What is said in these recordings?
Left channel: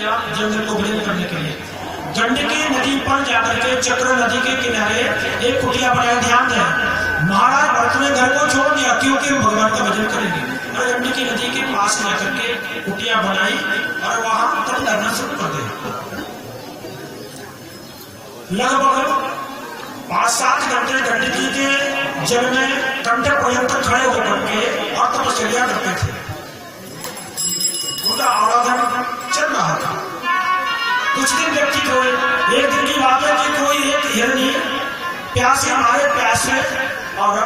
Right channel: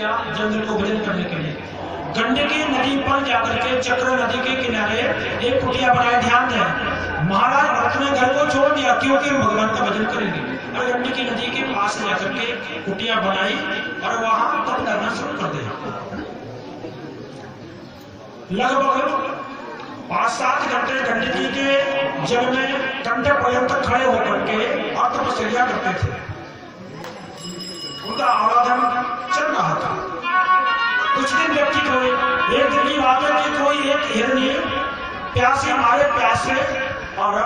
गया जंगल को विलीन करने के लिए। गंडकी नदी पर जाकर के चक्र नदी के किनारे एक कुटिया बनाया। ध्यान दें, महाराज भरत ने घर को छोड़ दिया क्योंकि भगवान का भजन करेंगे, और गंडकी नदी के पास जाकर के कुटिया बनाई और वहां तप करना शुरू कर दिया। लगभग 5-7 घंटे गंडकी के जल में कंठ पर्यंत खड़े होकर के और तपस्या करते थे। उनका आराधन चल रहा था। कुछ दिन व्यतीत हुए। एक दिन की बात है कि कोई एक हिरनी प्यासे मारे प्यासे और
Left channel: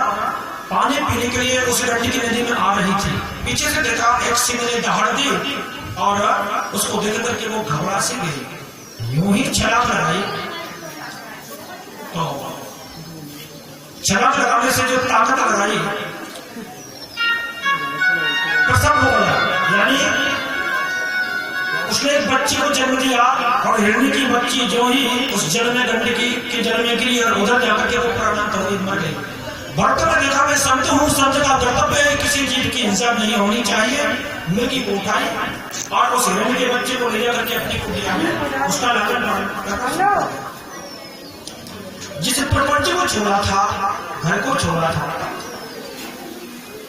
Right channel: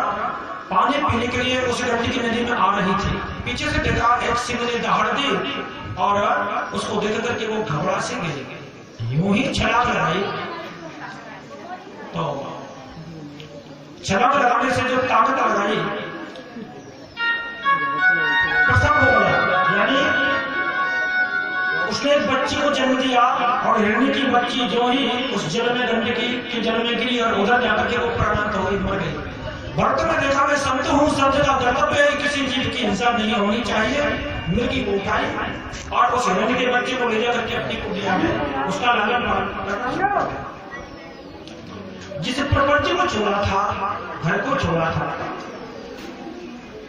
पानी पीने के लिए उस गंडकी नदी में आ रही थी। पीछे से देखा, एक सिंह ने दहाड़ दी और उसको देख करके वो घबरा सी गई। यूं ही छलांग लगाई तो छलांग लगाने से जो ताकत लगाई प्रसव हो गया, यानी उसने एक बच्ची को जन्म दिया। और हिरणी की बच्ची जो ही उस जल में गंडकी के जल में गिरी और उधर जाकर के वो प्राणांत हो गई, मर गई। भक्त ने देखा, मैं संत हूँ, संत का कर्तव्य है किसी जीव की हिंसा नहीं होनी चाहिए। मृगी को उठाई और उस हिरणी के बच्चे को ले जाकर के अपनी कुटिया में उसका लालन पालन। जिस प्रपंच को छोड़ा था, घर को छोड़ा था,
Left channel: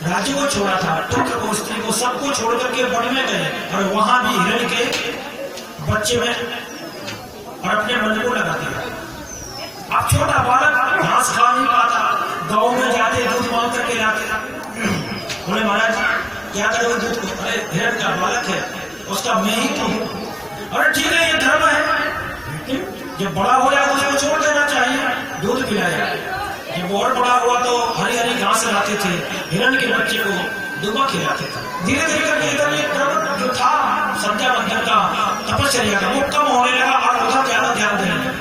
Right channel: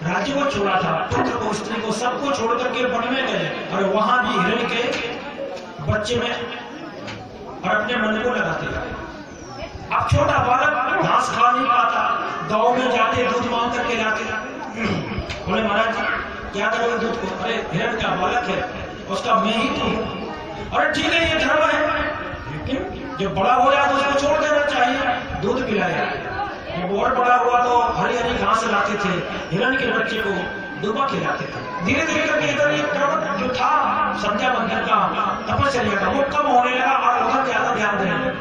राज्य को छोड़ा था, पुत्र को, स्त्री को, सबको छोड़ करके वन में गए और वहां भी हिरण के बच्चे में और अपने मन को लगाते। अब छोटा बालक घास खा नहीं पाता, गांव में जाते दूध मांग करके लाते। बोले महाराज क्या करोगे दूध को? अरे हिरण का बालक है, उसका मैं ही तो हूं। अरे ठीक है, ये धर्म है, लेकिन जब बड़ा हो जाए तो उसको छोड़ देना चाहिए। दूध पिलाया। जब और बड़ा हुआ तो हरी हरी घास लाते थे, हिरण के बच्चे को दुबा खिलाते थे। धीरे धीरे करके इधर ये क्रम जो था संध्या बंधन का, तपस्या का, वो कम होने लगा और उधर ज्यादा ध्यान देने लगे।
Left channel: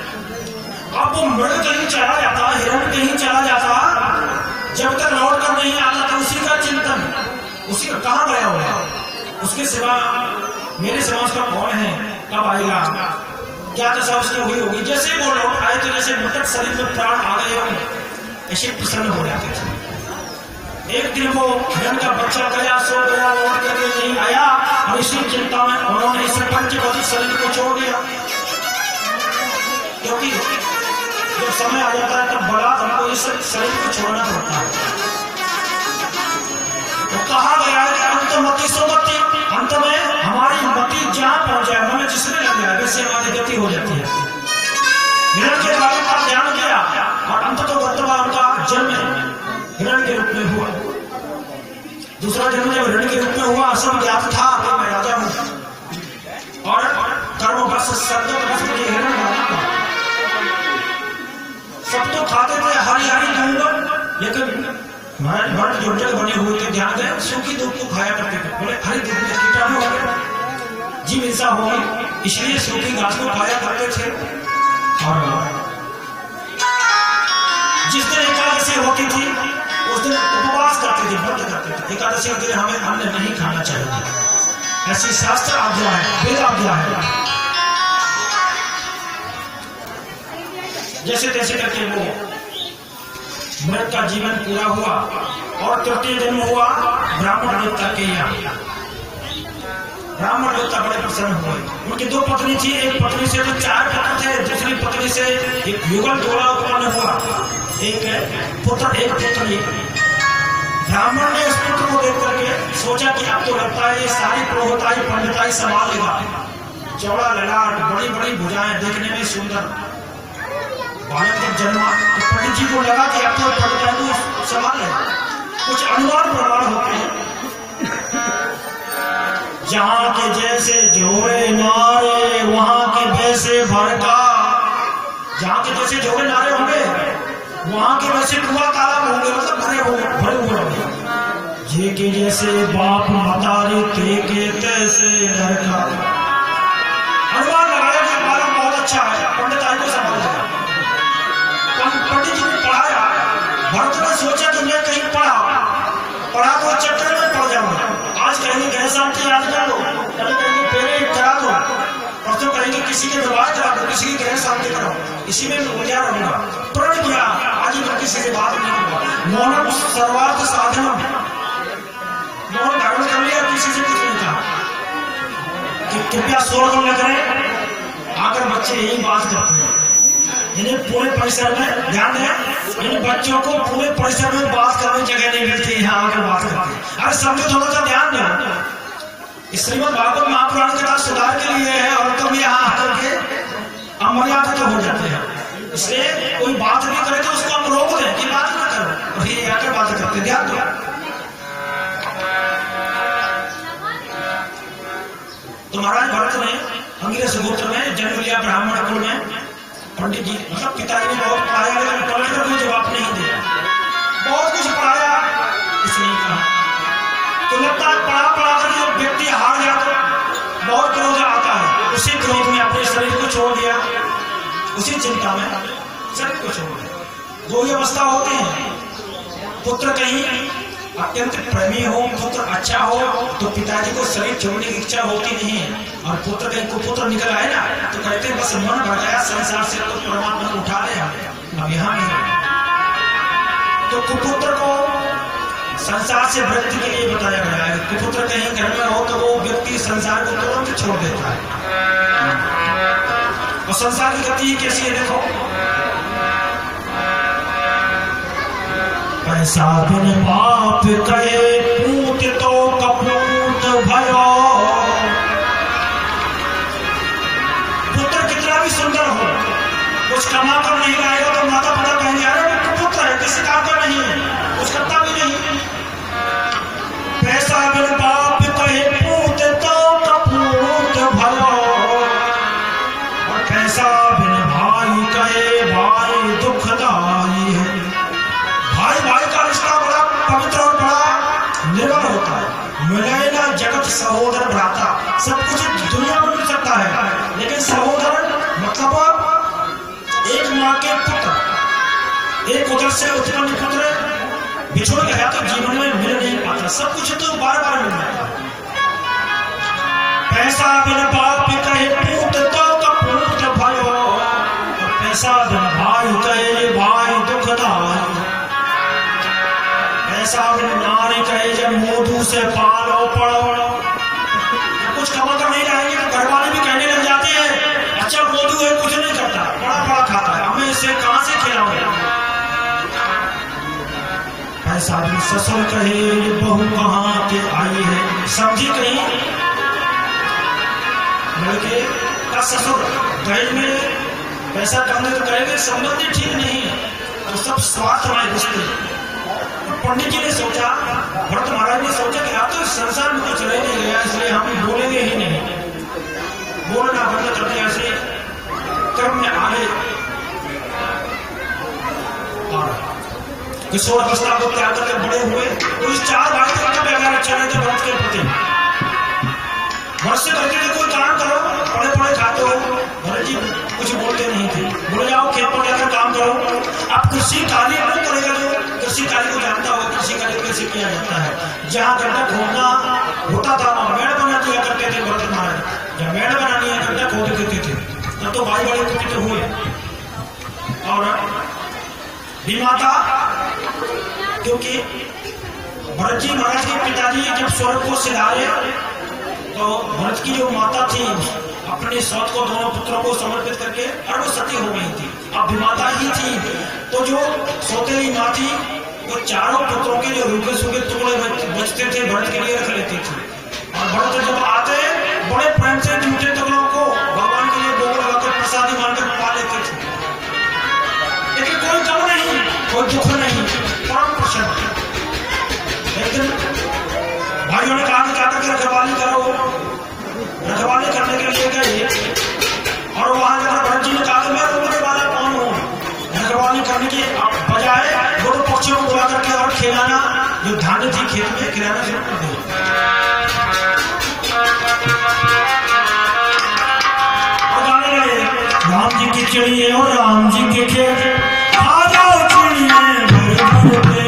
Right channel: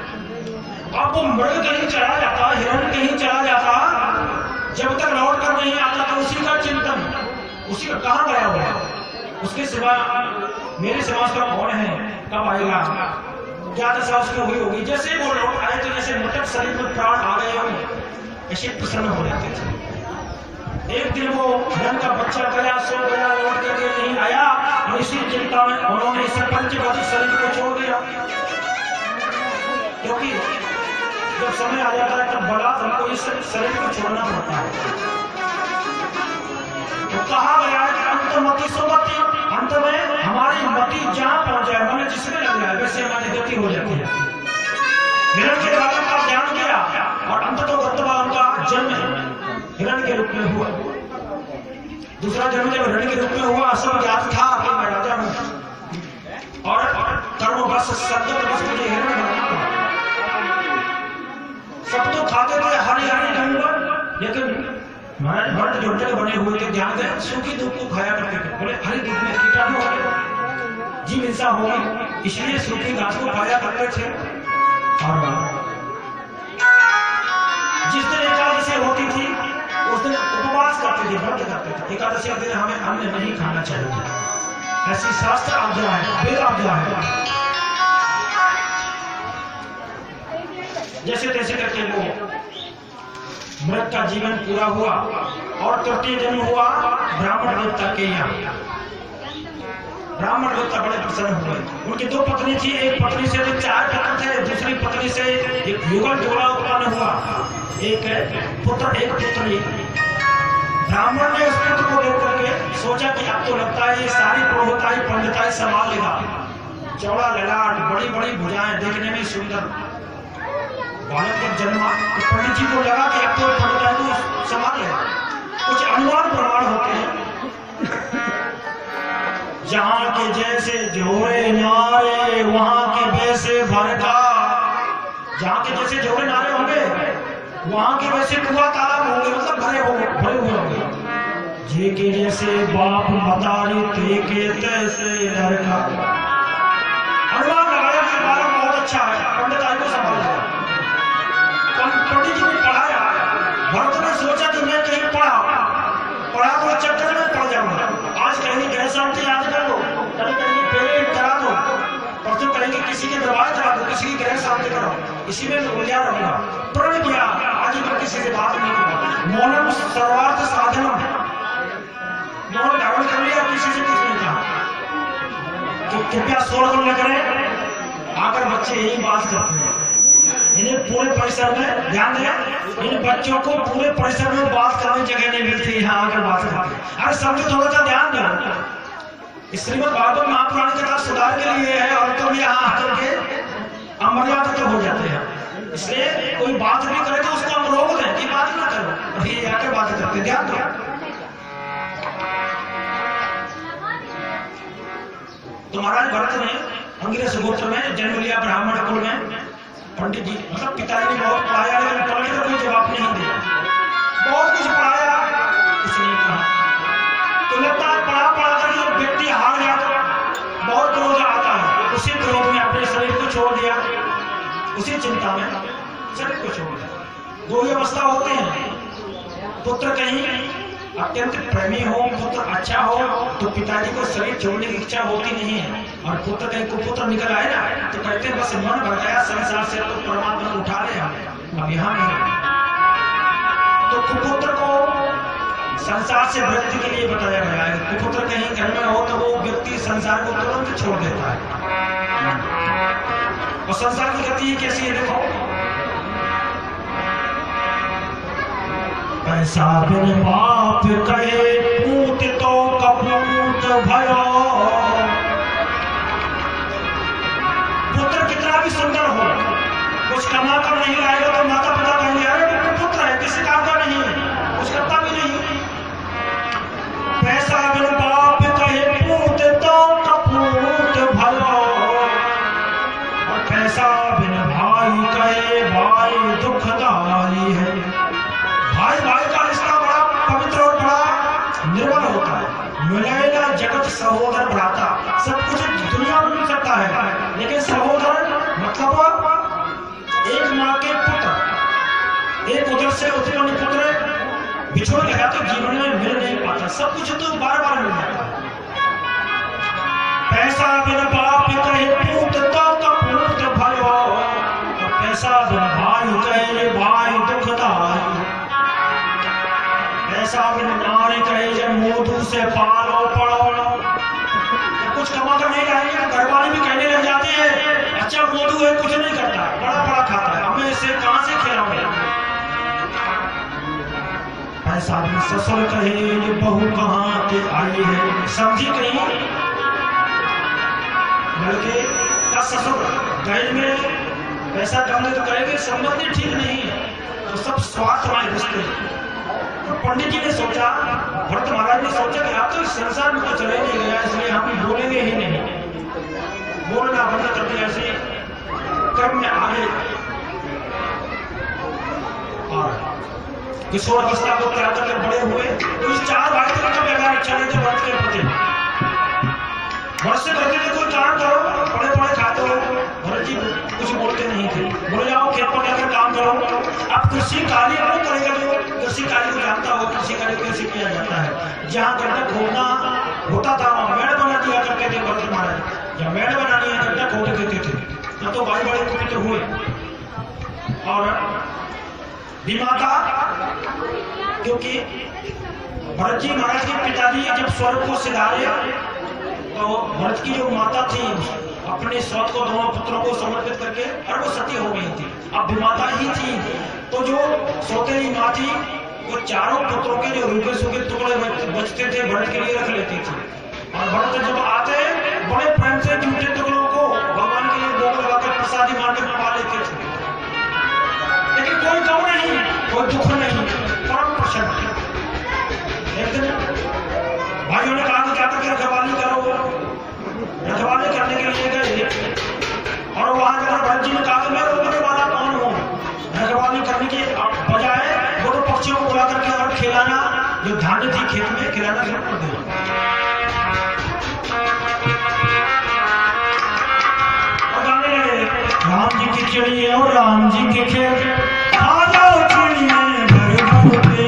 अब वो मृग कहीं चला जाता, हिरण कहीं चला जाता, जब तक लौट कर नहीं आता था उसी का चिंतन, उसी का कहाँ गया हुआ, उसके सिवा मेरे सिवा उसका कौन है, कब आएगा, क्या दशा उसकी हुई होगी। जैसे वो लौट आए तो जैसे मृतक शरीर में प्राण आ गए हों, ऐसे प्रसन्न हो जाते थे। एक दिन वो हिरण का बच्चा गया, सो गया, लौट करके नहीं आया और इसी चिंता में उन्होंने इस पंचभौतिक शरीर को छोड़ दिया। क्योंकि जब समय आ जाता है तब बलात् हमको इस शरीर को छोड़ना पड़ता है। तो कहा गया है कि अंतमति सुमति, अंत में हमारी मति जहां पहुंच जाए, मन जिसमें लग जाए, वैसे हमारी गति हो जाती है। हिरण के बालक का ध्यान किया और अंत तो वर्तमान उनका जन्म हिरण के रूप में हुआ। दूसरा जन्म जब हिरण के रूप में हुआ, सब ज्ञात था कि मैं राजा हूं और कर्मवश सद्गत मुझे हिरण बनाना। सब तो खाते थे हरी हरी दूध, लेकिन भरत जो जग बने हुए थे, ध्यान दें, सूखी दूध को खाया करते थे। बोले हरी दूध में कीटाणु हो गए, जीव हिंसा होगी, इसलिए सूखी घास को खाया करते थे। और जिस दिन एकादशी होती थी उस दिन उपवास करते थे, व्रत करते थे। एकादशी के दिन हमें अन्न नहीं खाना चाहिए, ऐसी शास्त्र आज्ञा है, वेद आज्ञा है। जैसे तैसे करके वो मृत का जीवन पूरा हुआ और तृतीय जन्म हुआ ब्राह्मण देवता के यहाँ। ब्राह्मण देवता बड़े प्रसन्न हुए। उनकी 2 पत्नी थी, एक पत्नी से तो 4 पुत्र थे, दूसरी पत्नी से एक युगल जोड़ा उत्पन्न हुआ, एक पुत्र एक पुत्री। ब्राह्मण ने उस पुत्र को देख करके सोचा कि अब तो लगता है ये सारी पुरोहिताई पंडिताई संभाल लेगा। चौड़ा ललाट, बड़ी बड़ी भुजाएं, देखने में सुंदर। बालक जब जन्मा तो पंडित जी को लगा कि अब तो पंडिताई को संभाल लेगा। कुछ अनुमान प्रमाण होते हैं, जहां के जैसे जोरे नारे वहां के वैसे भरका, जहां के जैसे जोरे नारे होंगे वहां के वैसे कुआं तालाब होंगे, मतलब भरे हुए होंगे। जे के जैसे बाप मतारे, ते के तैसे लड़का। अनुमान लगाया कि बालक बहुत अच्छा है, पंडिताई को संभालेगा। पंडित जी ने पढ़ाया। भरत ने सोचा कि मैं कहीं पढ़ा तो चक्कर में पड़ जाऊंगा। आज कहेंगे गृह शांति याद कर लो, कल कहेंगे फेरे करा दो, परसों कहेंगे किसी के विवाह करा दो, किसी की गृह शांति कराओ, इसी में उलझा रहूंगा। प्रण किया आज ही मैं किसी से बात नहीं करूंगा। मौनम सर्वार्थ साधनम, मौन धारण कर लिया, किसी से कुछ नहीं कहा। कि कृपया शोरगुल न करें, आकर बच्चे यही बात करते हैं। इन्हें पूरे परिसर में ध्यान दें, इन बच्चों को पूरे परिसर में बात करने जगह नहीं मिलती, यहाँ आकर बात करते हैं। अरे समझो, थोड़ा सा ध्यान दो। श्रीमद् भागवत महापुराण कथा सुधार के लिए है, और तुम यहाँ आकर के अमर्यादा तो हो जाते हैं। इसलिए कोई बात भी करे तो उसको हम रोक दें कि बात ना करो, और ये आकर बात करते। ध्यान दो। तो महाराज भरत ने अंगिरस गोत्र में जन्म लिया, ब्राह्मण कुल में। पंडित जी मतलब पिताजी ने बहुत पढ़ाया, लेकिन पलट कर कोई जवाब नहीं दिया। बहुत कुछ पढ़ाया, इसने कहा तो लगता है पढ़ा कर जब व्यक्ति हार जाता बहुत क्रोध आता है, उसी क्रोध में अपने शरीर को छोड़ दिया, उसी चिंता में शरीर को छोड़ दिया। दो ही अवस्था होती है, पुत्र कहीं अत्यंत प्रेमी हो, पुत्र अच्छा हो तो पिताजी को शरीर छोड़ने की इच्छा होती नहीं है, और पुत्र कहीं कुपुत्र निकल आए ना तो कहते हैं बस मन भर गया संसार से, तो परमात्मा उठा ले हमें, अब यहाँ नहीं। तो कुपुत्र को संसार से विरक्ति के लिए बताया गया है। कुपुत्र कहीं घर में हो तो वो व्यक्ति संसार को तुरंत छोड़ देता है। और संसार की गति कैसी है देखो, पैसा बिन बाप कहे पूत तो कपूत भयो। पुत्र कितना भी सुंदर हो, कुछ कमा कर नहीं लाएगा तो माता पिता कहेंगे अरे वो कुपुत्र है, किसी काम का नहीं है, कुछ करता भी नहीं। पैसा बिन बाप कहे पूत तो कपूत भयो, और पैसा बिन भाई कहे भाई दुखदाई है। भाई भाई का रिश्ता बड़ा पवित्र और बड़ा निर्मल होता है। मिले ना जगत सहोदर भ्राता, सब कुछ दुनिया में मिल सकता है, लेकिन सहोदर मतलब एक माँ के पुत्र, एक उदर से उत्पन्न पुत्र बिछुड़ गया तो जीवन में मिल नहीं पाता। सब कुछ तो बार बार मिल जाता है। पैसा बिन बाप कहे पूत तो कपूत भयो, और पैसा बिन भाई कहे भाई दुखदाई। पैसा बिन नारी कहे जब मोदू से पालो पड़ो। कुछ कमा कर नहीं लाएंगे तो घर वाले भी कहने लग जाते हैं अच्छा मोदू है, कुछ नहीं करता, बड़ा बड़ा खाता है, हमें इसे कहां से खिलाओगे। पैसा बिन ससुर कहे ये बहू कहां के आई है। समझी कहीं बल्कि का ससुर दहेज में पैसा कमने तो कहेंगे संबंधी ठीक नहीं है, तो सब स्वार्थ में घुसते। पंडित जी ने सोचा, भरत महाराज ने सोचा कि आप तो संसार में तो चले नहीं गया, इसलिए हम बोलेंगे ही नहीं, बोलना बंद कर दिया। इसलिए कर्म में आगे किशोर अवस्था को त्याग करके बड़े हुए, तो इस चार भाई का व्यवहार अच्छा नहीं था भरत के प्रति। भरत से कहते थे कोई काम करो, पड़े पड़े खाते हो। भरत जी कुछ बोलते नहीं थे, बोले जाओ खेत पर जाकर काम करो। अब कृषि कार्य कौन करेगा जो कृषि कार्य को जानता हो। कृषि कार्य कैसे किया जाता है, जहाँ गड्ढा खोदना होता था वहाँ मेड़ बना दिया करते थे भरत महाराज। जब मेड़ बनानी है गड्ढा खोद देते थे, तब तो भाई बड़े कुपित हुए। और विमाता, क्योंकि भरत जी महाराज के पिताजी जब स्वर्ग को सिधारे तो भरत की जो माता थी अपने सौत को दोनों पुत्रों को समर्पित करके, और वो सती हो गई थी, अब विमाता ही थी। तो जो सौतेली माँ थी वो चारों पुत्रों के जो रूखे सूखे टुकड़े बचते थे भरत के लिए रख लेती थी। और भरत जब आते बड़े प्रेम से जूठे टुकड़ों को भगवान के लिए भोग लगाकर प्रसादी मारकर पा लेते थे, लेकिन कोई गम नहीं, कोई दुख नहीं, परम प्रसन्न। एक दिन भाइयों ने कहा कि क्या करके रखवाली करो। रखवाली करने के लिए गए, और वहां जाकर भरत जी ने कहा कि मैं रोकने वाला कौन हूँ। रखवाली करने की बजाय वो तो पक्षियों को बुला करके और खिलाना, जो धान्य थी खेत में खिलाना शुरू कर दिया। और गाने लगे राम जी की चिड़िया और राम जी के खेत, आ जाओ चिड़िया घर घर पे।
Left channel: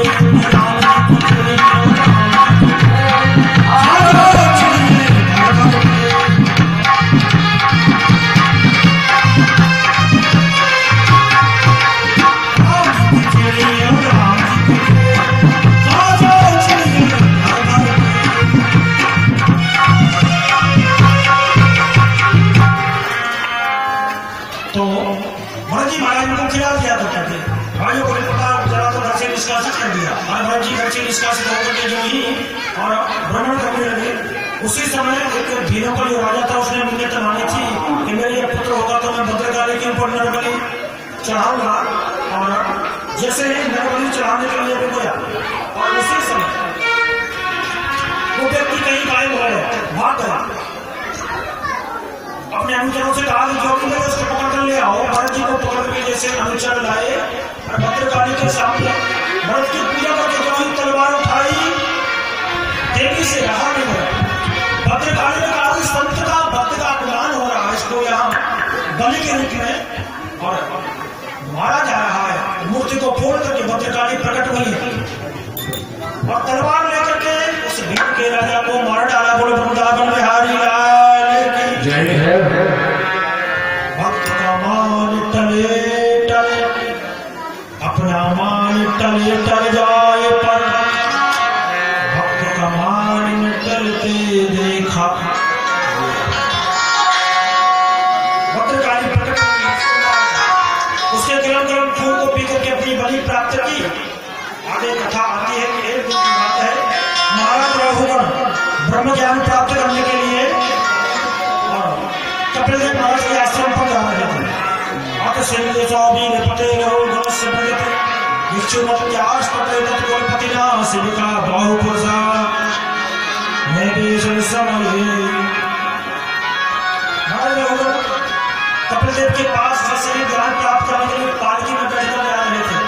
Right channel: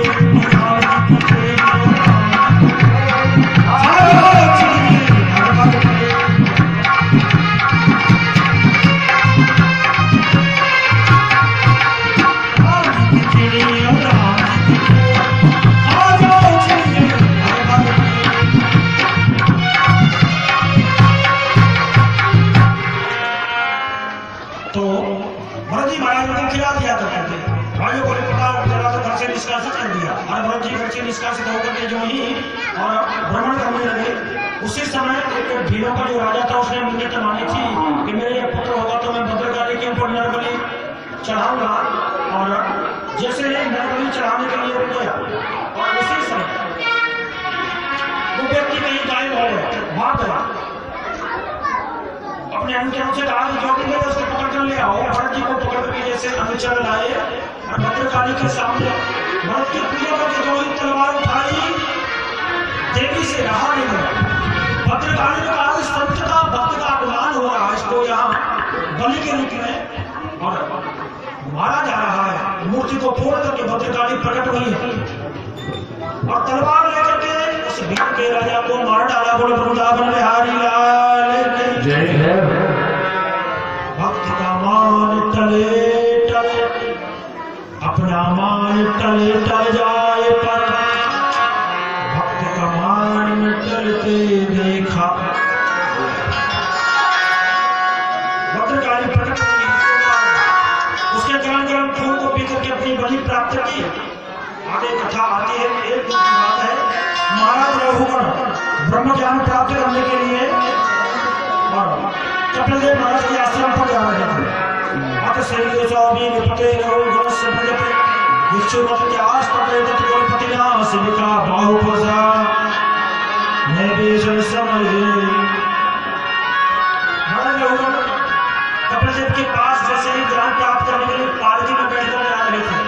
भरत जी महाराज को खिला दिया करते थे। भाइयों को पता चला तो घर से निष्कासित कर दिया। और भरत जी घर से निष्कासित होकर के जो ही और भ्रमण करने लगे, उसी समय एक भीरों का जो राजा था उसने मुझे तमानी थी कि मेरे पुत्र होगा तो मैं भद्रकाली के ऊपर नरबलि चढ़ाऊंगा। और जैसे नरबलि चढ़ाने के लिए रुक गया और उसी समय वो व्यक्ति कहीं गायब हो गया, भाग गया। अपने अनुचरों से कहा कि जो भी लोग उसको पकड़ कर ले आओ। भरत जी को पकड़ के जैसे अनुचर लाए भद्रकाली के सामने भरत की पूजा करके जो ही तलवार उठाई, देवी से रहा नहीं गया। भद्रकाली ने कहा इस संत का भक्त का अपमान हो रहा है, इसको यहाँ बलि के रूप में और मारा जा रहा है। मूर्ति को फोड़ करके भद्रकाली प्रकट हुई है और तलवार लेकर के उस भीड़ के राजा को मार डाला। बोले वृंदावन बिहारी लाल की जय है। भक्त का मान टले टले, अपना मान टले टल जाए पर भक्त का मान टलते देखा। भद्रकाली प्रकट हुई, उसने गरम गरम खून को पी करके अपनी बलि प्राप्त की। आगे कथा आती है। एक बात है, महाराज रघुगण ब्रह्म ज्ञान प्राप्त करने के लिए कपिलदेव महाराज के आश्रम पर जाना जाता है। आके सेवके स्वामी निपटे रघुगण से भगत विष्णुमत त्यास पते तत् कुलपति ना सिविका बाहुपसा मैं भी समझे। महाराज रघुगण कपिलदेव के पास जैसे ही ज्ञान प्राप्त करने के लिए पालकी में बैठकर जा रहे थे।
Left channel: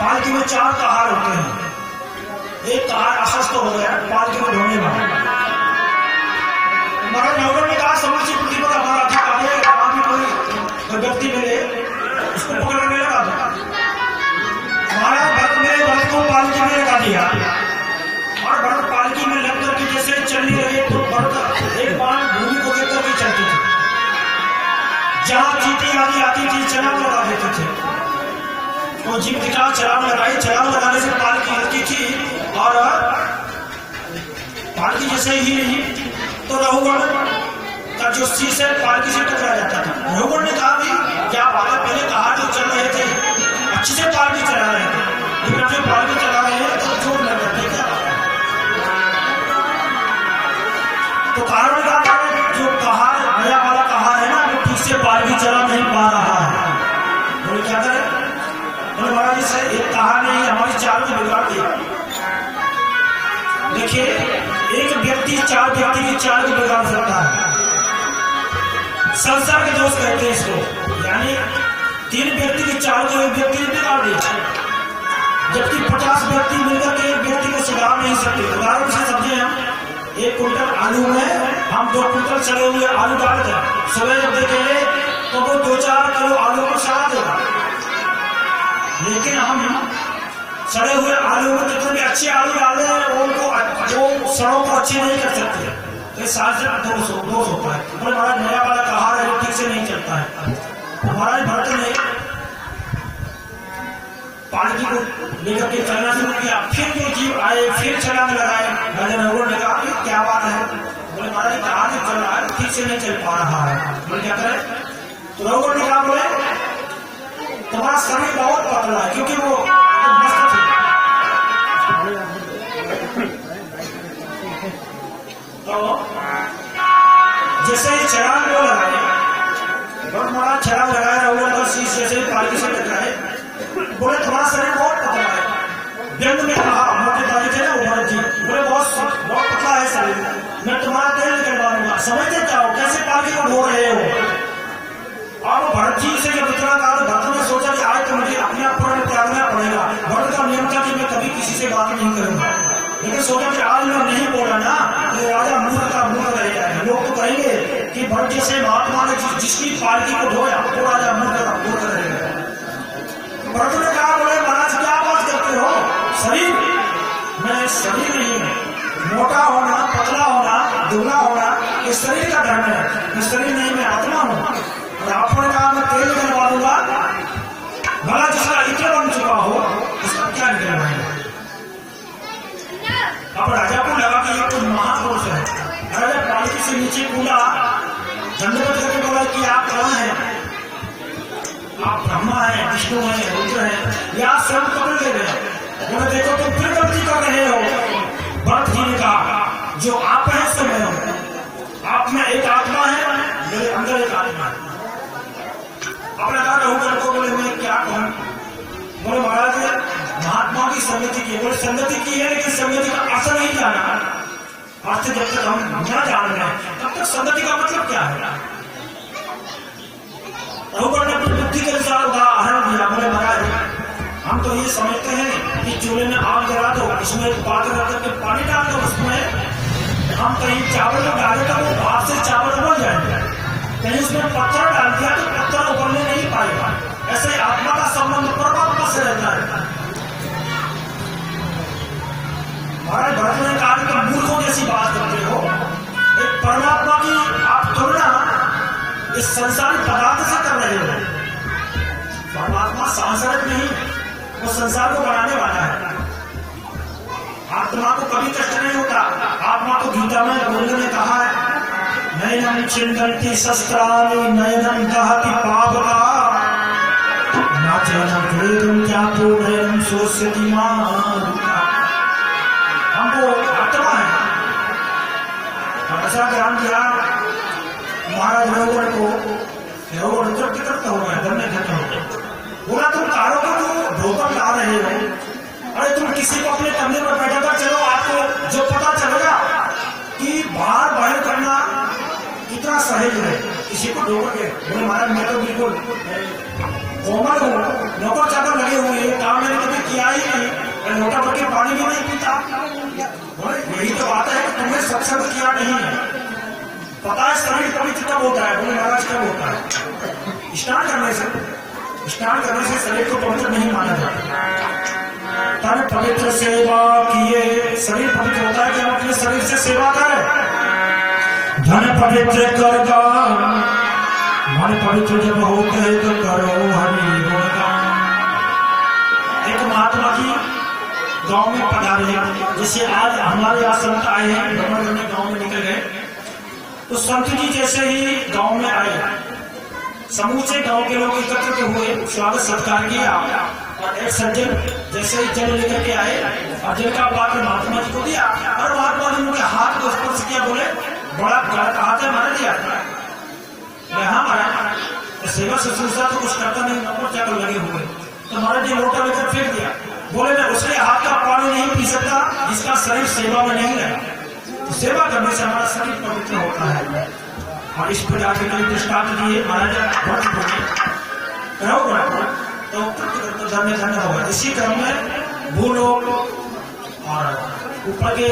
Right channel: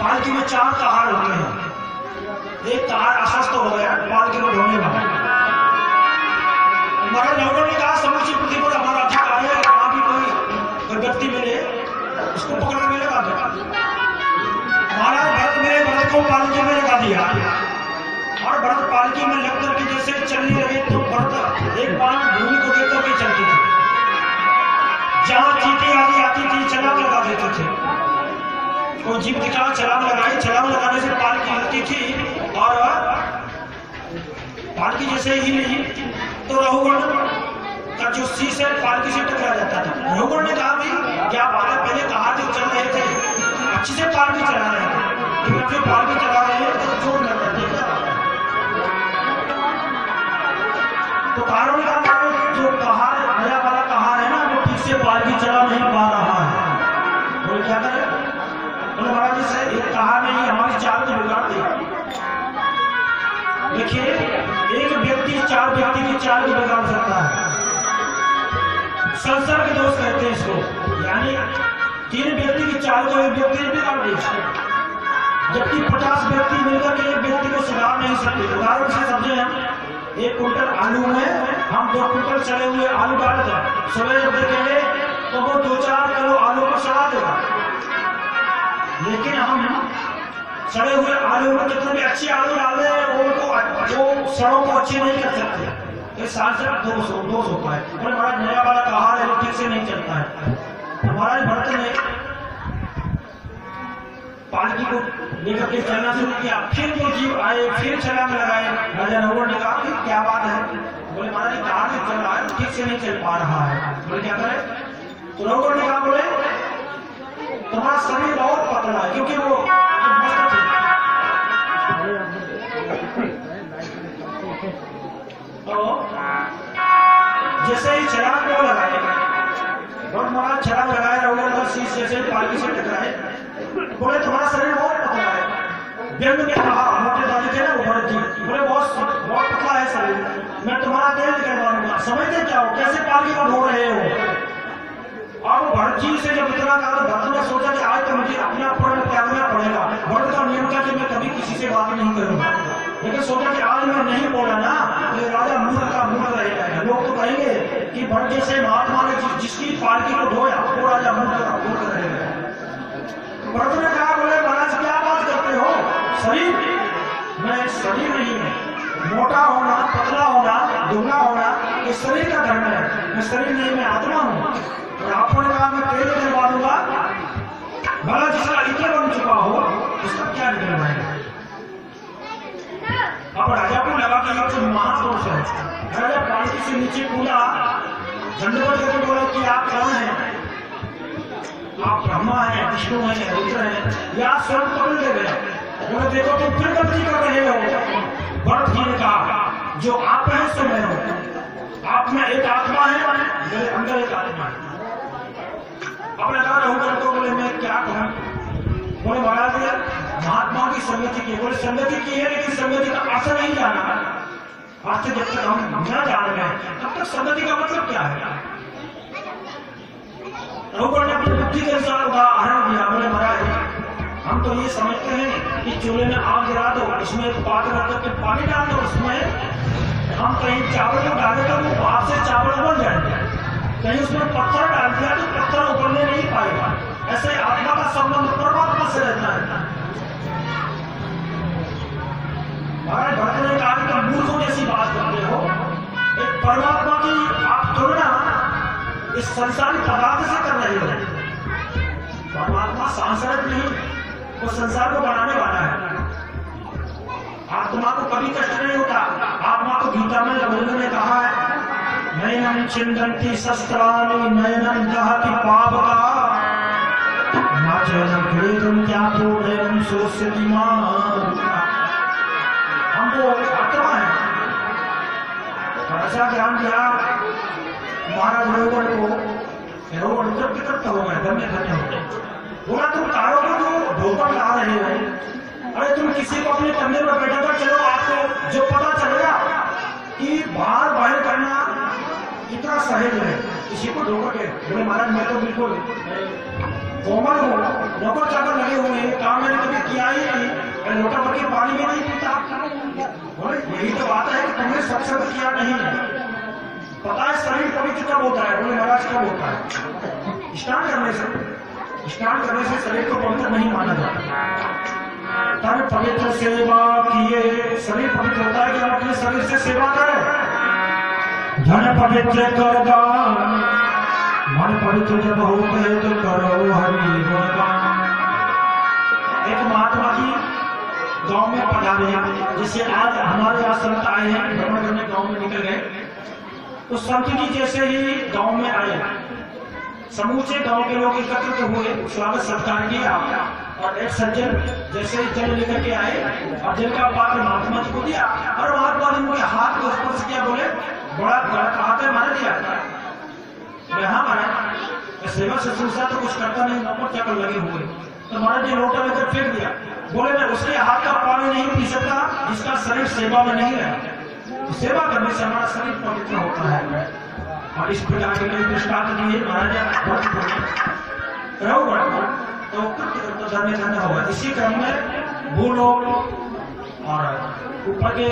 पालकी में 4 कहार होते हैं। एक कहार अस्वस्थ हो गया पालकी में ढोने में। महाराज रघुगण ने कहा समूची पृथ्वी पर हमारा अधिकार है, कहाँ भी कोई व्यक्ति मिले उसको पकड़ के लगा दो। महाराज भरत को पालकी में लगा दिया और भरत पालकी में लग करके जैसे चलने लगे तो भरत एक बार भूमि को देख करके चलती थी। जहां चीटी आदि आती थी छलांग लगा देते थे। कोई जीव दिखा छलांग लगाई, छलांग लगाने से पालकी हिलती थी और पालकी जैसे ही हिली तो रघुगण का जो शीश है पालकी से टकरा जाता था। रघुगण ने कहा भाई क्या बात है, पहले कहा जो चल रहे थे अच्छे से पालकी चला रहे थे, लेकिन जो पालकी चला रहे हैं तो छोड़ लग जाते क्या। तो कारण क्या जो कहा नया वाला कहा है ना वो ठीक से पालकी चला नहीं पा रहा है। बोले क्या करें? बोले महाराज जी सर एक कहा नहीं हमारी चाल को बिगाड़ दिया। देखिए एक व्यक्ति 4 व्यक्ति की चाल को बिगाड़ सकता है। संसार के दोष कहते हैं इसको, यानी 3 व्यक्ति की चाल को एक व्यक्ति ने बिगाड़ दिया, जबकि 50 व्यक्ति मिलकर के एक व्यक्ति को सुधार नहीं सकते। उदाहरण से समझे हम 1 कुंटल आलू में हम 2 कुंटल सड़े हुए आलू डाल दें, सुबह जब देखेंगे तो वो 2-4 किलो आलू को सड़ा देगा। लेकिन हम सड़े हुए आलू में जितने भी अच्छे आलू डाले वो सड़ों को अच्छे नहीं कर सकते। तो इस साल से दोष होता है। बोले महाराज नया वाला कहा है ठीक से नहीं चलता है। महाराज भरत ने पालकी को लेकर के चलना शुरू किया। फिर जो जीव आए फिर छलांग लगाए। राजा रघुगण ने कहा क्या बात है? बोले महाराज कहा नहीं चल रहा है, ठीक से नहीं चल पा रहा है। बोले क्या करें? तो रघुगण ने कहा बोले तुम्हारा शरीर बहुत पतला है, क्योंकि वो मस्त थे। तो जैसे ही छलांग को लगाए बहुत महाराज छलांग लगाए रघुगण का शीश जैसे पालकी से टकराए। बोले तुम्हारा शरीर बहुत पतला है। व्यंग में कहा मोटे दादी थे ना भरत जी, बोले बहुत पतला है शरीर, मैं तुम्हारा तेल निकलवा दूंगा। समझते क्या हो कैसे पालकी को ढो रहे हो? और भरत जी से जब इतना कहा तो भरत ने सोचा कि आज तो मुझे अपना प्रण त्यागना पड़ेगा। भरत का नियम था कि मैं कभी किसी से बात नहीं करूंगा, लेकिन सोचा कि आज मैं नहीं बोला ना तो राजा मूर्ख का मूर्ख रह जाएगा। लोग तो कहेंगे कि भरत जैसे महात्मा ने जिसकी पालकी को ढोया तो राजा मूर्ख का मूर्ख रहेगा। भरत ने कहा बोले महाराज क्या बात करते हो? शरीर मैं शरीर नहीं हूं। मोटा होना पतला होना दुबला होना ये शरीर का धर्म है, मैं शरीर नहीं मैं आत्मा हूं। और आपने कहा मैं तेल निकलवा दूंगा, भला जिसका इत्र बन चुका हो उसका क्या निकलवाएगा? अब राजा को लगा कि ये कुछ महापुरुष है। राजा पालकी से नीचे कूदा, दंडवत करके बोला कि आप कौन हैं? विष्णु है, रुद्र है, या स्वयं कपिल देव है। बोले देखो तुम फिर गलती कर रहे हो। भरत जी ने कहा जो आप हैं सो मैं हूं, आप में एक आत्मा है, मेरे अंदर एक आत्मा है। अब लगा रघुवर को, बोले मैं क्या कहूं। बोले महाराज महात्मा की संगति की, बोले संगति की है लेकिन संगति का अर्थ नहीं जाना। अर्थ जब तक हम न जान रहे हैं तब तक संगति का मतलब क्या है। रघुवर ने अपनी बुद्धि के अनुसार उदाहरण दिया। बोले महाराज हम तो ये समझते हैं कि चूल्हे में आग जला दो, उसमें एक पात्र रख करके पानी डाल दो, उसमें हम कहीं चावल डाले तो वो भाप से चावल उबल जाएंगे, कहीं उसमें पत्थर डाल दिया तो पत्थर उबलने नहीं पाएगा। ऐसे आत्मा का संबंध परमात्मा से रहता है। महाराज भरत ने कहा कि मूर्खों जैसी बात करते हो। एक परमात्मा की आप तुलना इस संसारी पदार्थ से कर रहे हो। परमात्मा सांसारिक नहीं, वो संसार को बनाने वाला है। आत्मा को कभी कष्ट नहीं होता। आत्मा को गीता में गोविंद ने कहा है नयनम छिन्दन्ति शस्त्राणि नयनम दहति पावका नाचयनं क्लेदं चापो नयनं शोष्यति मां। हमको आत्मा है ऐसा ज्ञान दिया। महाराज रघुवर को रघुवर तृप्त हो गए, धन्य धन्य हो गए। बोला तुम कारों को जो भोगम ला रहे हो, अरे तुम किसी को अपने कंधे पर बैठा कर चलो, आपको जो पता चलेगा कि बाहर करना कितना सहज है। किसी को ढोकर के बोले महाराज मैं तो बिल्कुल कोमल हूँ, नौकर चाकर लगे हुए हैं, काम मैंने कभी किया ही नहीं, लोटा भर के पानी भी नहीं पीता। बोले यही तो बात है कि तुमने सत्संग किया नहीं है। पता है शरीर पवित्र कब होता है। बोले महाराज कब होता है? स्नान करने से शरीर को पवित्र नहीं माना जाता। तब पवित्र सेवा किए शरीर पवित्र होता है कि हम अपने शरीर से सेवा करें। धन पवित्र कर दान, मन पवित्र जब होते तो करो हरि गुणगान। एक महात्मा की गांव में पधारे, जैसे आज हमारे यहाँ संत आए हैं, भ्रमण करने गांव में निकल गए, तो संत जी जैसे ही गांव में आए, समूचे गांव के लोग एकत्रित हुए, स्वागत सत्कार किया और एक सज्जन जैसे ही जल लेकर के आए और जल का पात्र महात्मा जी को दिया और महात्मा ने उनके हाथ को स्पर्श किया। बोले बड़ा गलत हाथ है, मैंने दिया। हाँ महाराज सेवा शुश्रूषा तो कुछ करता नहीं, नौकर चाकर लगे हुए, तो महाराज जी लोटा लेकर फेंक दिया। बोले मैं उसके हाथ का पानी नहीं पी सकता जिसका शरीर सेवा में नहीं रहे। तो सेवा करने से हमारा शरीर पवित्र होता है। और इस प्रकार के कई दृष्टांत दिए महाराज तो धन्य धन्य होगा। इसी क्रम में भूलोक और ऊपर के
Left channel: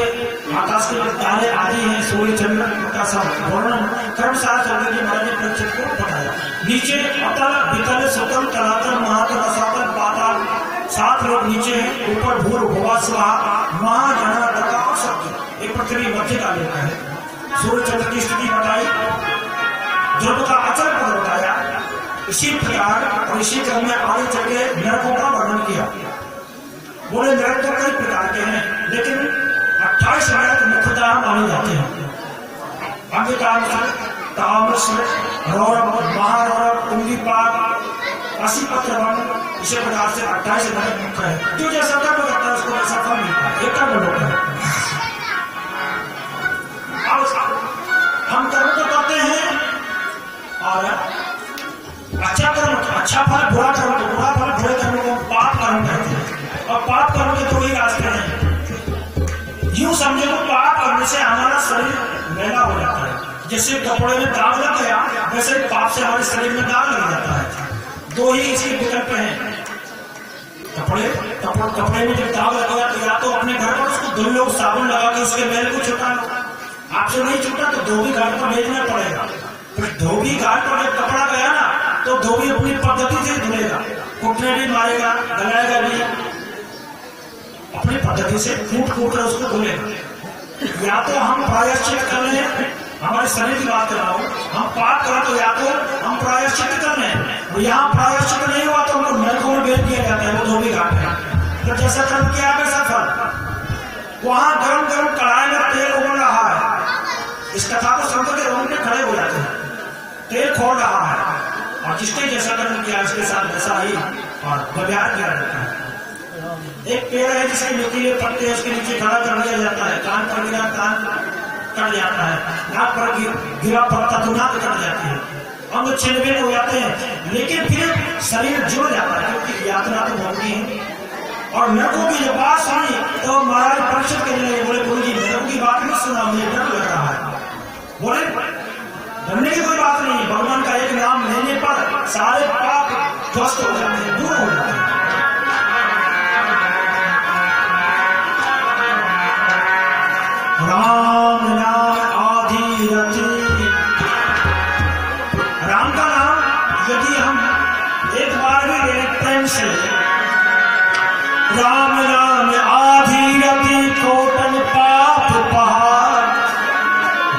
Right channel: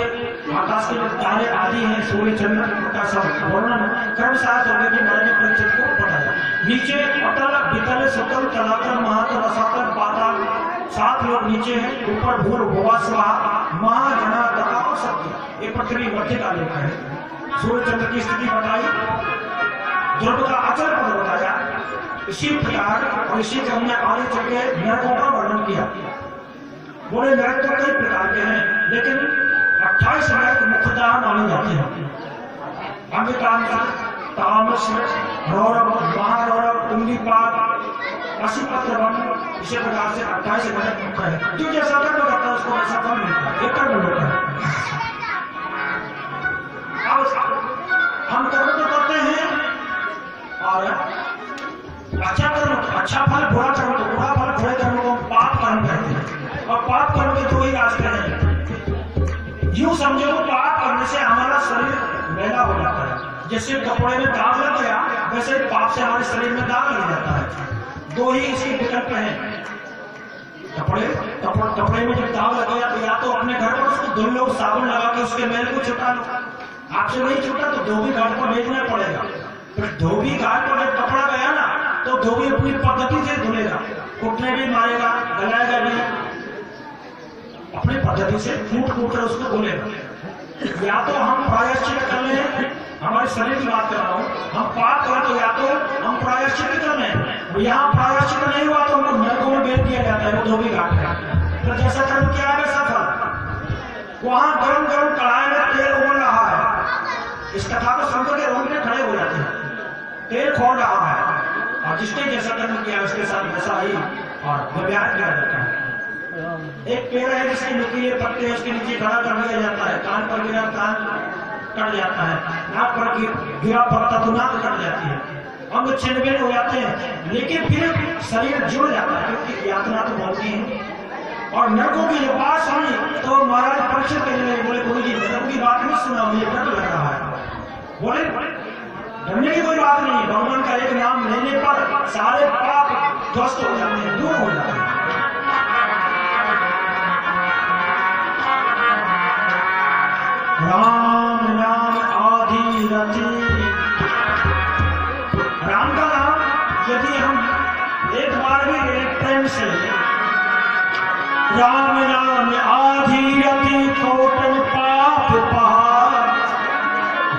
आकाश के तारे आदि हैं, सूर्य चंद्र का सब वर्णन क्रमशः होकर के महाराज ने परीक्षित को बताया। नीचे अतल वितल सुतल तलातल महातल रसातल पाताल, 7 लोग नीचे हैं, ऊपर भूर भुवा स्वाहा महाजना तथा सत्य। एक पृथ्वी मध्य का लोक है। सूर्य चंद्र की स्थिति बताई, ध्रुव का अचल पद बताया। इसी प्रकार और इसी क्रम में आगे चल के नरकों का वर्णन किया। बोले नरक तो कई प्रकार के हैं, लेकिन 28 नरक मुख्यतः माने जाते हैं। तामस, रौरव, महारौरव, कुंडलीपाक, काशीपत्रवन, इसी प्रकार से 28 नरक मुख्य है। जो जैसा कर्म करता है उसको वैसा फल मिलता है, ये कर्म होता है। हम कर्म तो करते हैं और अच्छा कर्म अच्छा फल, बुरा कर्म तो बुरा फल, बुरे कर्म को पाप कर्म कहते हैं। और पाप कर्म के 2 ही रास्ते हैं। यूं समझो तो पाप करने से हमारा शरीर मैला हो जाता है। जैसे कपड़े में दाग लग गया वैसे पाप से हमारे शरीर में दाग लग जाता है। 2 ही इसके विकल्प हैं। कपड़े में जब दाग लग गया तो या तो अपने घर पर उसको धुल लो, साबुन लगा के उसके मैल को छुटा लो। आपसे नहीं छूटा तो धोबी घाट पर भेजना पड़ेगा। फिर धोबी घाट पर जब कपड़ा गया ना तो धोबी अपनी पद्धति से धुलेगा, कुटने भी मारेगा, गलाएगा भी, अपनी पद्धति से फूट कर उसको धुलेगा। या तो हम प्रायश्चित कर लें, हमारे शरीर की बात कर रहा हूँ, हम पाप करें तो या तो हम प्रायश्चित कर लें। यहाँ प्रायश्चित नहीं हुआ तो हमको नरकों में भेज दिया जाता है, वो धोबी घाट है। तो जैसा कर्म किया वैसा फल। वहां गरम गरम कढ़ाई में तेल उबल रहा है, इस कथा को सुनकर के रोंगटे खड़े हो जाते हैं। तेल खोल रहा है और जिसने जैसा कर्म किया उसके साथ वैसा ही और व्यवहार किया जाता है। एक पेड़ है जिसके नुकीले पत्ते उसके नीचे खड़ा कर दिया जाता है, कान पर गिरा कान कट जाता है, नाक पर गिरा पत्ता तो नाक कट जाती है, अंग छिन्न भिन्न हो जाते हैं, लेकिन फिर शरीर जुड़ जाता है क्योंकि यात्रा तो होनी है। और नरकों की जब बात सुनी तो महाराज परीक्षित करने लगे, बोले गुरु जी नरकों की बात नहीं सुना, मुझे डर लग रहा है। बोले डरने की कोई बात नहीं, भगवान का एक नाम लेने पर सारे पाप ध्वस्त हो जाते हैं, दूर हो जाते हैं। राम नाम आदि रति, राम का नाम यदि हम एक बार भी ले प्रेम से, राम नाम आदि रति कोटन पाप पहाड़,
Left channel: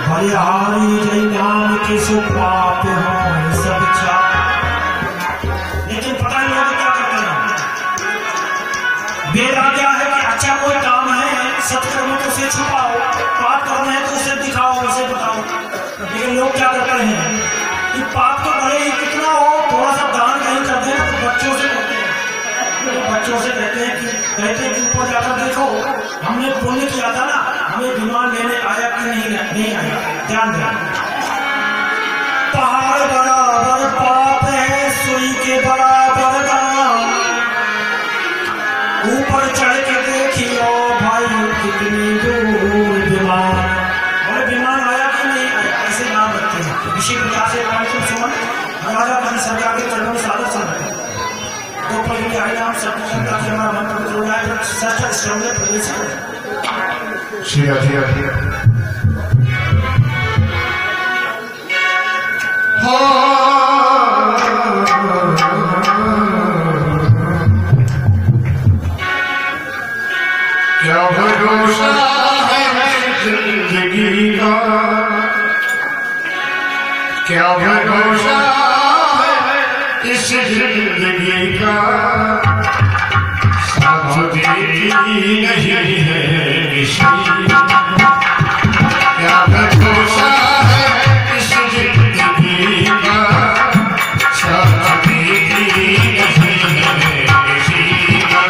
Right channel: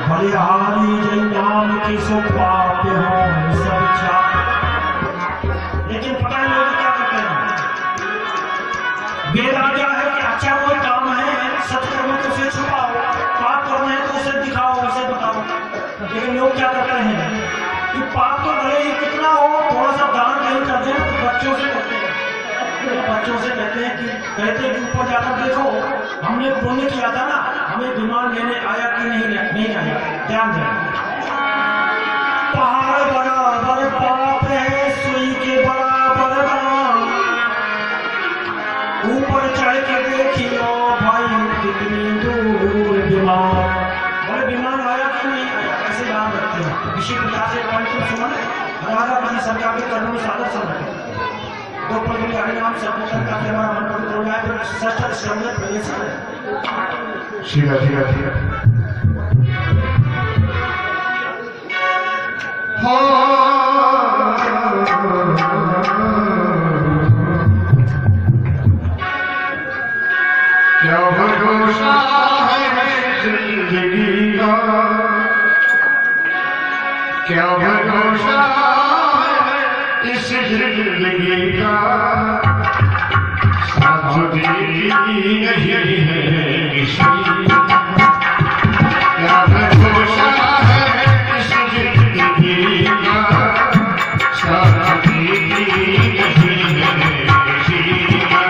बलिहारी जय नाम के सो पाप हो सब छा। लेकिन पता नहीं लोग क्या करते हैं, बेरा क्या है कि अच्छा कोई काम है सत्कर्म तो उसे छुपाओ, पाप करना है तो उसे दिखाओ, उसे बताओ। लेकिन लोग क्या करते हैं कि पाप तो भले ही कितना हो, थोड़ा सा दान कहीं कर देना तो बच्चों से कहते हैं, बच्चों से कहते हैं कि ऊपर जाकर देखो हमने पुण्य किया था ना, हमें विमान लेने आया कि नहीं आया, ध्यान दें। पहाड़ बराबर पाप है, सुई के बराबर दाम, ऊपर चढ़ के देखियो भाई कितनी दूर विमान। बोले विमान आया कि नहीं आया, ऐसे नाम रखते हैं। इसी प्रकार से सुमन राजा बनी सरकार के चरणों में सादर चल रहे दो पल में हरे नाम सब का हमारा मन पवित्र हो जाए, फिर षष्ठ स्कंद में प्रवेश करें। शिवा शिवा क्या भरोसा है जिंदगी का, क्या भरोसा है इस जिंदगी का, साथ देती नहीं है किसी, क्या भरोसा है इस जिंदगी का, साथ देती नहीं है किसी का।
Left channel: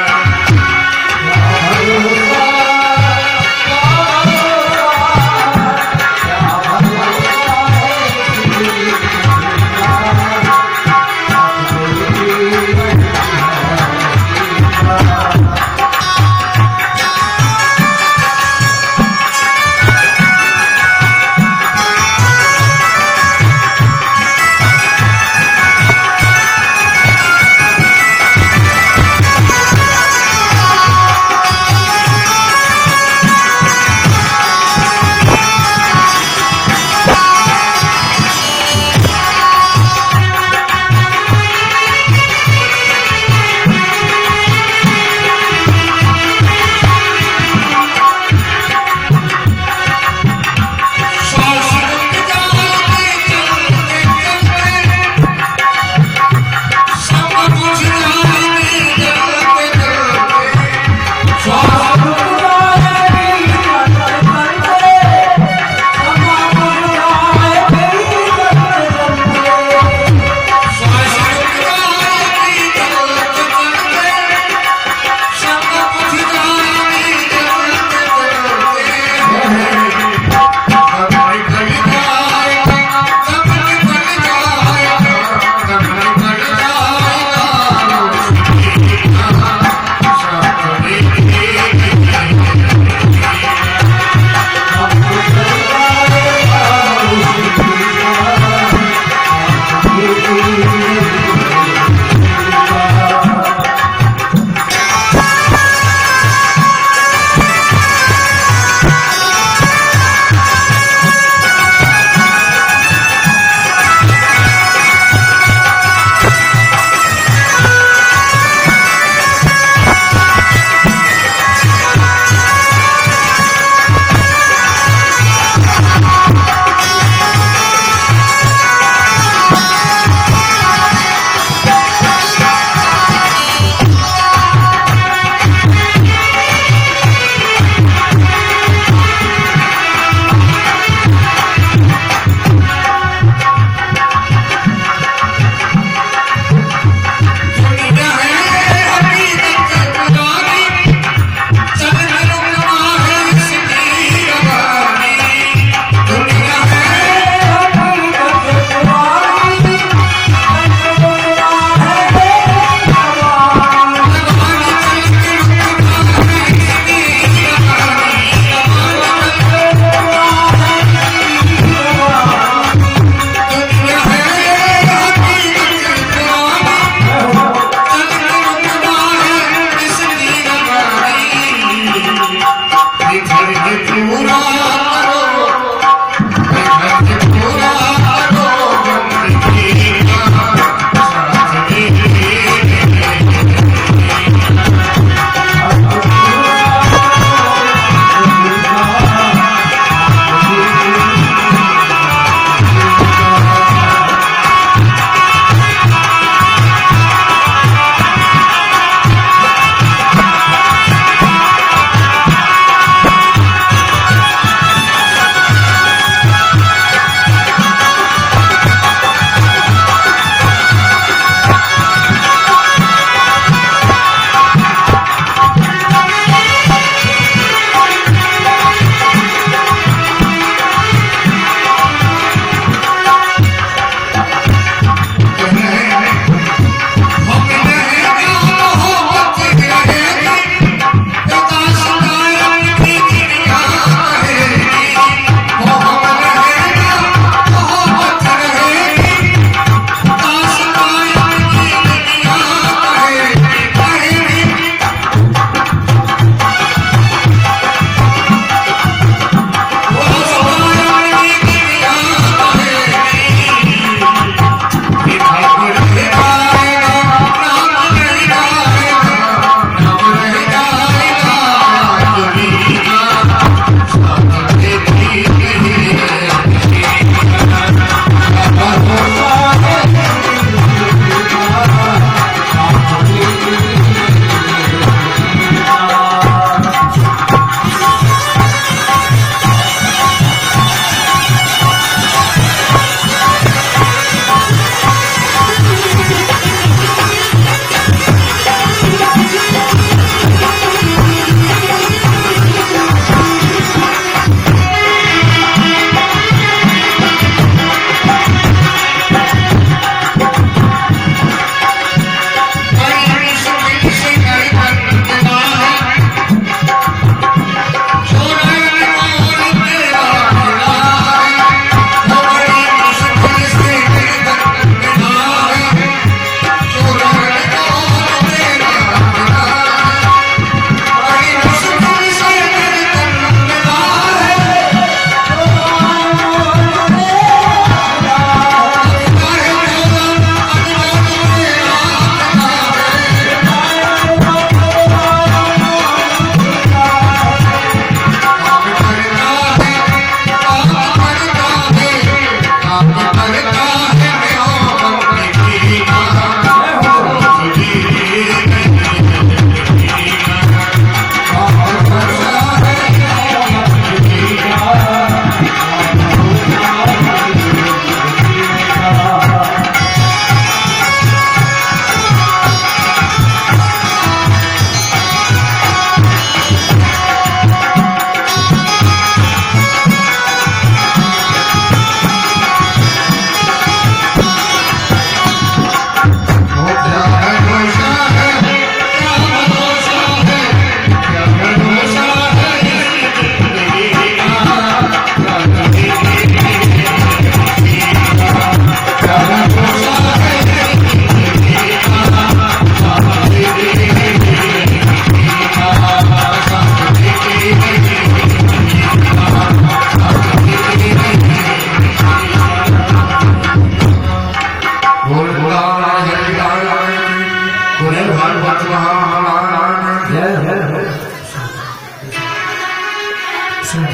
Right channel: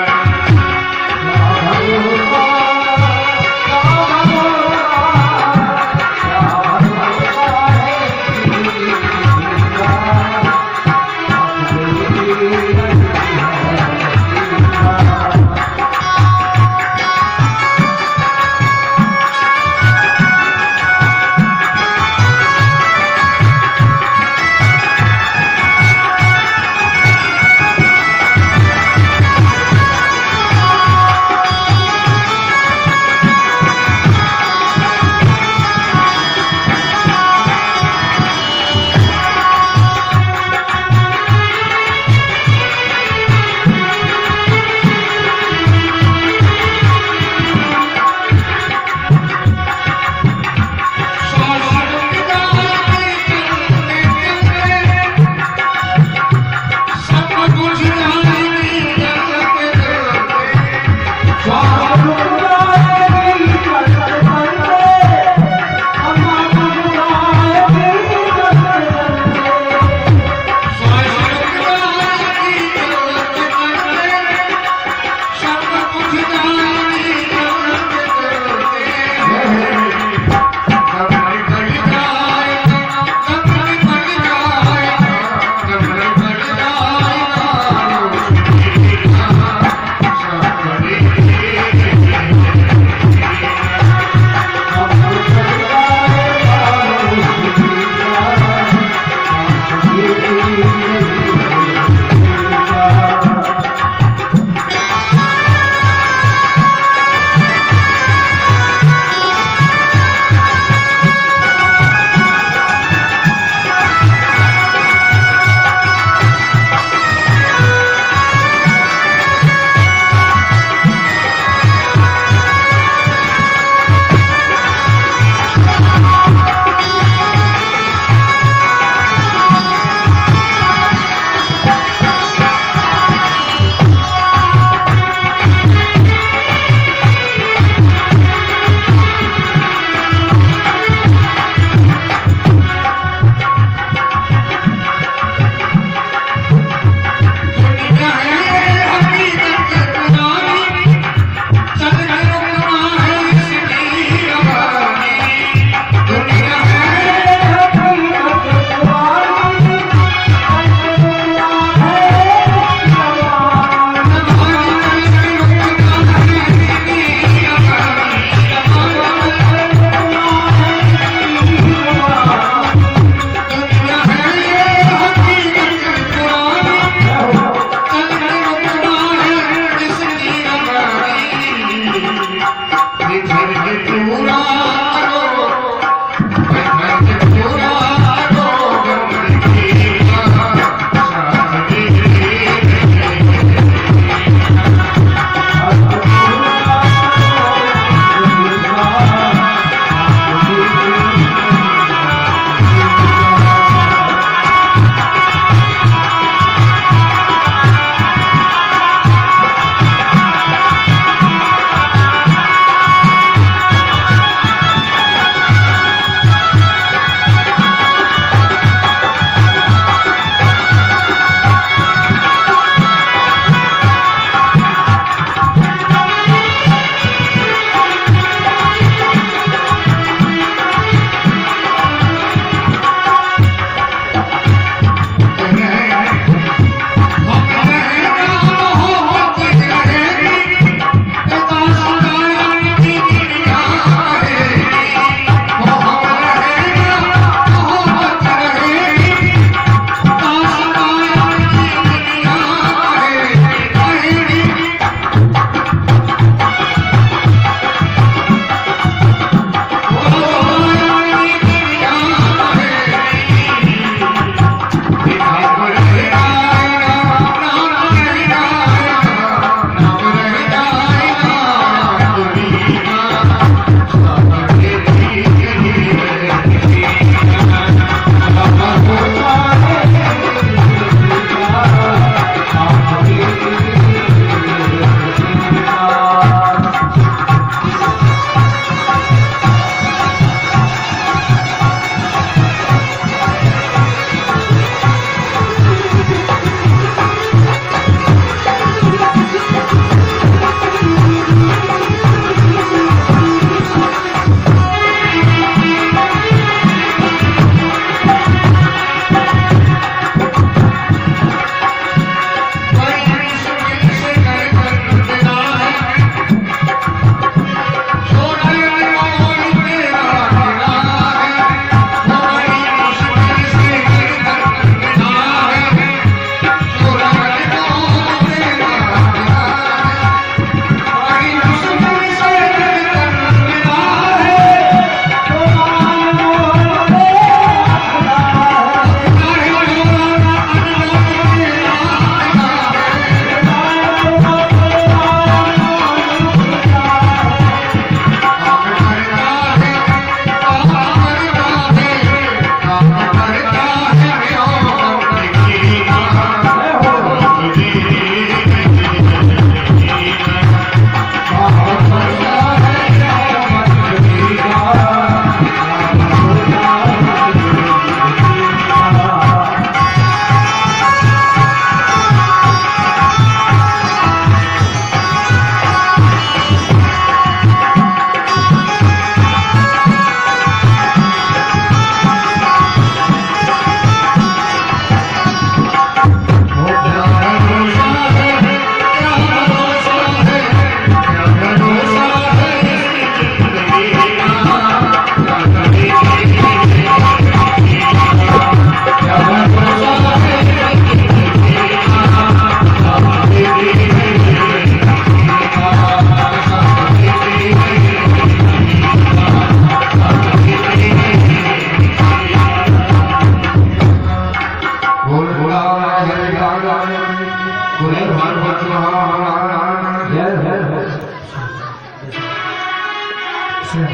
भगवान सुन